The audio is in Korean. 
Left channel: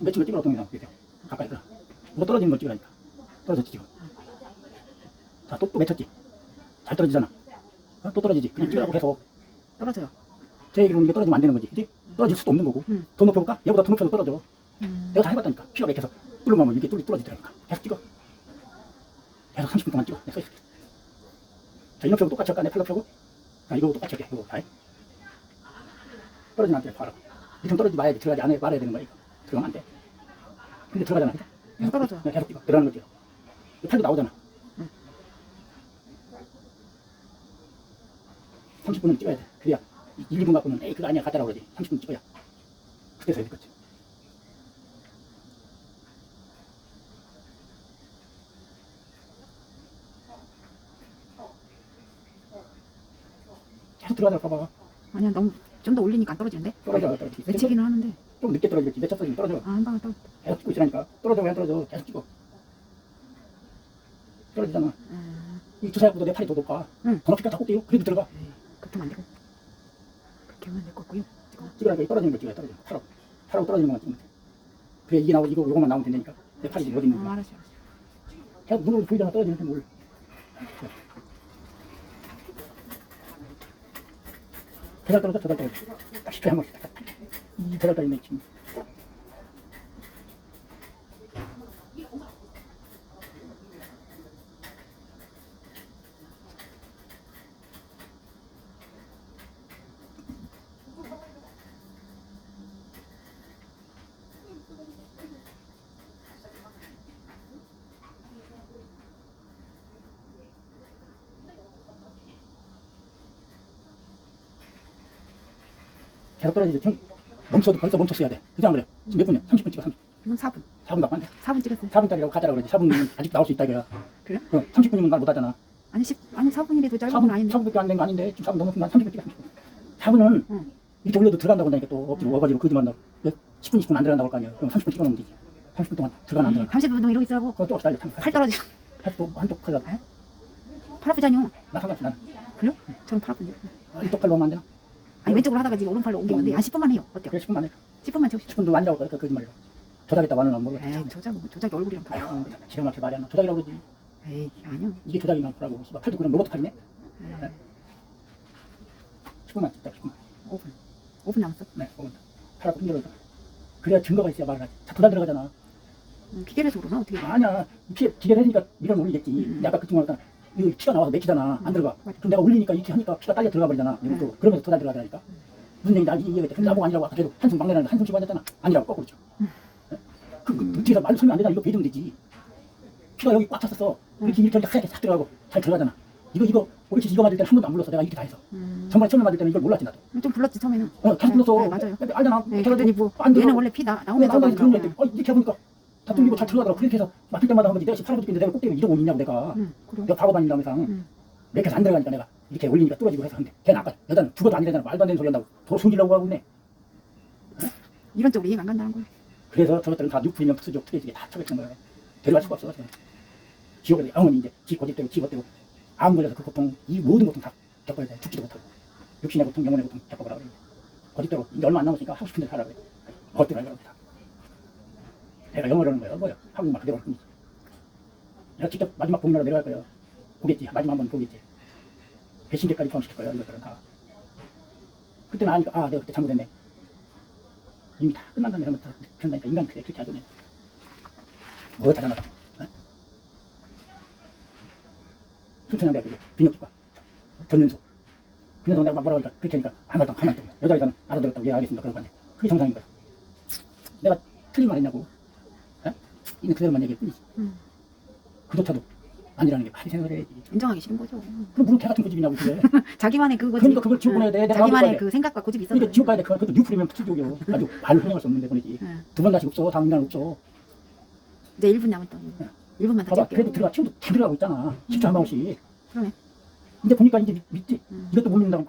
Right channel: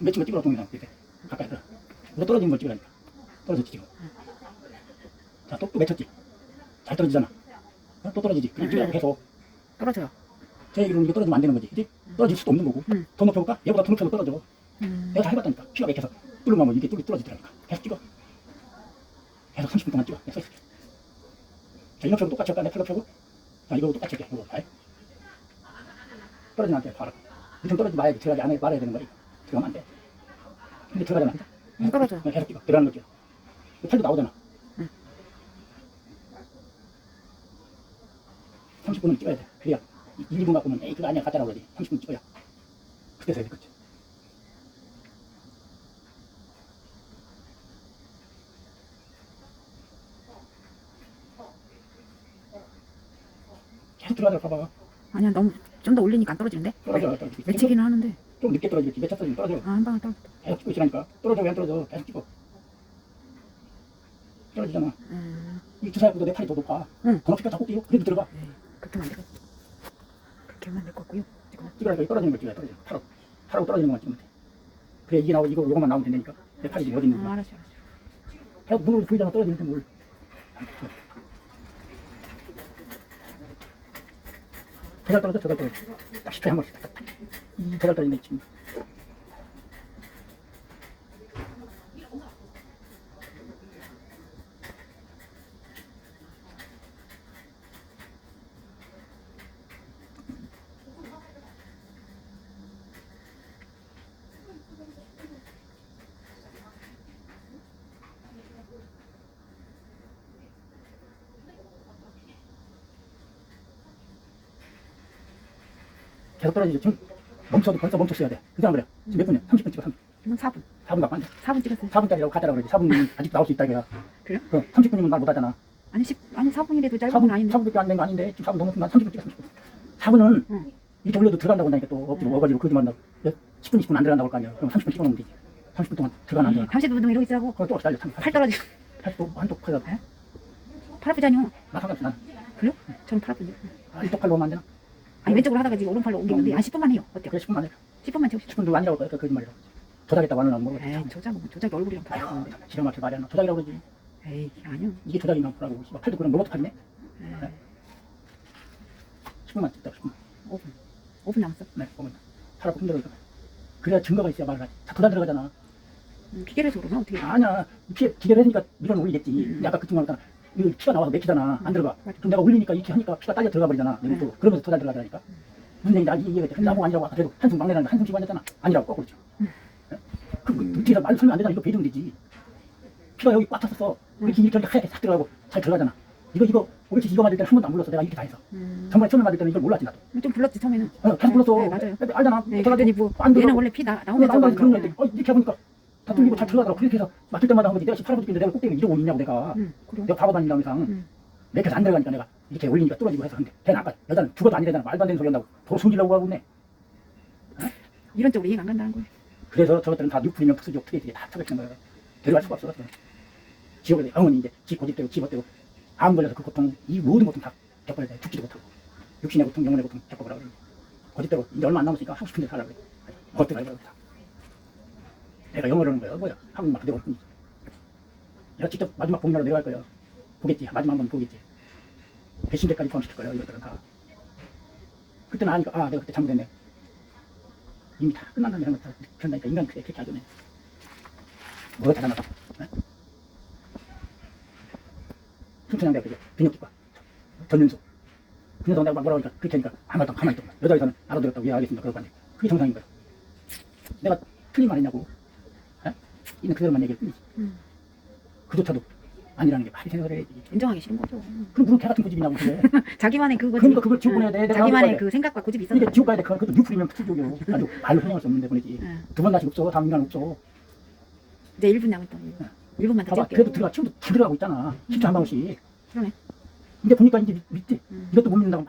며칠 찍으라고 동영상 이렇게 가까이서. 누가 떨어지는 걸 찍으라니까. 떨어졌지 지금 자 또 또 맺혔지. 잘 떨어지잖아. 어? 또 떨어지지. 그냥 찍으라고 계속. 떨어져요. 제 얘기로는 이게 떨어지면 안 되는 거지 그지? 떨어질 수도 없는 거고. 음. 더 높이 볼까? 얘보다 더 높여도 떨어져. 음. 내가 다 해봤다니까. 피가 맥혀서. 뚫으면 이렇게 뚫리 떨어지더라니까. 계속 찍어. 계속 30분 동안 찍어. 내가 서 있어 자 이렇게 똑같이 할까? 내 팔로 펴고? 자 이거 똑같이 할게. 이거. 아이 떨어지면 안 돼 봐라. 좀 떨어지지 마야지. 들어가지 안에 말아야 되는 거야 이거 들어가면 안돼. 근데 들어가잖아. 그죠? 음, 떨어져. 계속 찍어 들어가는 거지 이 팔도 나오잖아. 음. 30분은 찍어야 돼. 그래야 1분 갖고는 에이 그거 아니야. 갖다라고 그러지 30분 찍어야. 그때서 해야 되겠지. 계속 들어가자 봐봐. 아니야 너무 좀 더 올리니까 안 떨어지는데? 떨어져 떨어져 내치기는 하는데 좀 늦게 떨어지겠지 맺혔어 떨어져 아, 한 방에 떨어. 계속 찍고 있으라니까. 떨어져 왜 안 떨어져 계속 찍어 떨어지잖아. 음, 이두 사람보다 내 팔이 더 높아. 응. 더 높이가 자꾸 뛰고 그래도 들어가. 그렇게 되고. 그렇게 같고요. 지금. 찍으라니까 이 떨어지는 걸 찍어야 떨어져 팔하고 팔하고 떨어지는 것만 찍으면 돼 그래 이게 나오고 이거 요것만 나오면 된다니까. 내 팔이 어디 있는 음, 거야. 알았어. 계속 눈을 보이다가 떨어지는 건 뭘. 대갈 떨어져, 대갈 떨어져. 딱 10회 한 번씩 딱. 대갈 떨어지네, 지금. 계속 떨어지죠. 좀 멈춰도 벌써 멈췄어야 돼. 그냥 그래. 지금 몇 분이야? 30분 찍어. 30분. 4분. 4분 갖고 안 돼. 4분 찍었어요. 4분짜리라고 가자라고 그러지. 4분 아직 나올 수 있다, 이거야. 그래요? 그럼 30분이면 날 못하잖아. 아니 10 아니 4분이라도 짧은 건 4분, 아닌데. 4분밖에 안 된 거 아닌데, 4분 넘었으니까 30분 찍어. 4분은 응. 이렇게 올려도 들어간다고 하니까 또 엎드려 응. 와가지고 그것도 말한다고. 10분, 20분 안 들어간다고 할 거 아니야. 그럼 30분 찍어놓으면 되지. 30분 동안 들어가나 안 들어가나. 30분 동안 이러고 있으라고 그거 또 기다려. 팔 떨어지. 팔도 한쪽 팔팔 아프잖요. 나 상관없어. 난. 저는 팔 아픈데. 아, 이쪽 팔로 오면 안 되나? 아니 왼쪽으로 하다가 지금 오른팔로 옮기는데 한 10분만 해요. 어때요? 그래, 10분만 해. 10분만 채우시죠. 10분도 아니라고 그, 그, 거짓말이라고. 조작했다고 안 하려고. 에이 조작 조작이 얼굴이랑 다 아유, 지금 막히 말이 안 나. 조작이라고 그러지. 에이 아니요. 이게 조작인가 보라고. 씨발, 팔도 그냥 로봇 팔이네. 에이, 10분만 찍자, 10분. 5분 남았어. 네, 보면 팔하고 힘들어서. 그래야 증거가 있어야 말을 하지. 다 들어가잖아. 음, 기계에서 그러나 어떻게? 아니야. 피, 기대를 했으니까 밀어는 올리겠지. 근데 아까 그쯤 하니까 이거 피가 나와서 맥히잖아. 안 들어가. 그럼 내가 올리니까 이렇게 하니까 피가 딸려 들어가 버리잖아. 네. 또 그러면서 더 잘 들어가더라니까. 무슨 알지? 이해가 돼. 나보고 아니라고 아까 계속 한숨 막내는데 한숨 쉬고 앉았잖아. 아니라고 거꾸로 쳐. 그, 그, 뒤에서 말 설명 안 되잖아. 이거 배정 되지. 피가 여기 꽉 찼었어. 이렇게 이렇게 하니까 하얗게 싹 들어가고 잘 들어가잖아. 이거 이거 옳지 이거 맞을 때는 한 번도 안 불렀어. 내가 이렇게 다 해서. 음, 정말 처음에 맞을 때는 이걸 몰랐지 나도. 좀 불렀지 처음에는. 어, 계속 불렀어. 네, 맞아요. 알잖아. 네, 그러더니 뭐안 얘는. 원래 피 나, 왜 나오면 나만 그런 애들 어, 이렇게 해보니까 다 뚫리고 잘 들어가더라고. 그렇게 해서 맡을 때마다 하면 내가 18번 뛰는데 내가 꼭대기 이러고 있냐고 내가. 응, 그래. 내가 바보 다닌다고 이상 응. 몇 개서 안 들어가니까 내가 이렇게 올리니까 떨어지고 해서. 근데 걔는 아까 여자는 죽어도 아니래잖아. 말도 안 되는 소리 한다고. 더 숨기려고 하고 있네. 이런 쪽으로 이해가 안 간다는 거예요. 그래서 저것들은 다 육분이면 푸스지 어떻게 이게 다 처벌된 거야. 데려갈 수가 없어 그냥. 지옥에 영원히 이제 지 고집되고 지 벗되고 암 걸려서 그 고통 이 모든 고통 다 겪어야 돼. 죽지도 못하고. 육신의 고통 영혼의 고통 겪어보라고 고집대로 이제 얼마 안 남았으니까 하고 싶은 대로 살라고 그래. 어떻게 알고 다 내가 영어를 하는 거야. 뭐야? 한국말 그대로 뿐이지. 내가 직접 마지막 복면으로 내려갈 거야. 보겠지? 마지막 한번 보겠지? 배신제까지 포함시킬 거야 이것들은 다. 그때는 아니까 아 내가 그때 잘못했네. 이미 다 끝난다는 이런 거 그런다니까. 인간 그래 그렇게 하잖아 누가 잘하나 봐 그게 비뇨기과. 그래서. 내가 막 뭐라고 하니까 그렇게 하니까 아무것도 가만히 있던 거야 여자 의사는 알아들었다고 예 알겠습니다. 그러고 하는데 그게 정상인 거야. 내가 틀린 말 했냐고. 에? 그대로만 얘기할 뿐이지 음, 그조차도 아니라는 게 말이 생각을 해 인정하기 싫은 거죠. 그럼 무슨 개 같은 고집이냐고 그게 자기만의 그거지. 그러니까 그걸 지우고 내야 돼. 자기만의 그 생각과 고집이 있어서. 이게 지옥 가야 돼 그건 그것도 뉴프리면 투족이요 아주 말을 허용할 수 없는데 버리지 응. 두번 다시 없어 다음 인간 없어 이제 1분 남았다. 1분만 더 봐봐 찍을게요. 그래도 들어가 치워도 다 들어가고 있잖아 10초 한 방울씩 그러네. 이제 보니까 이제 믿- 믿지 음. 이것도 못 믿는다고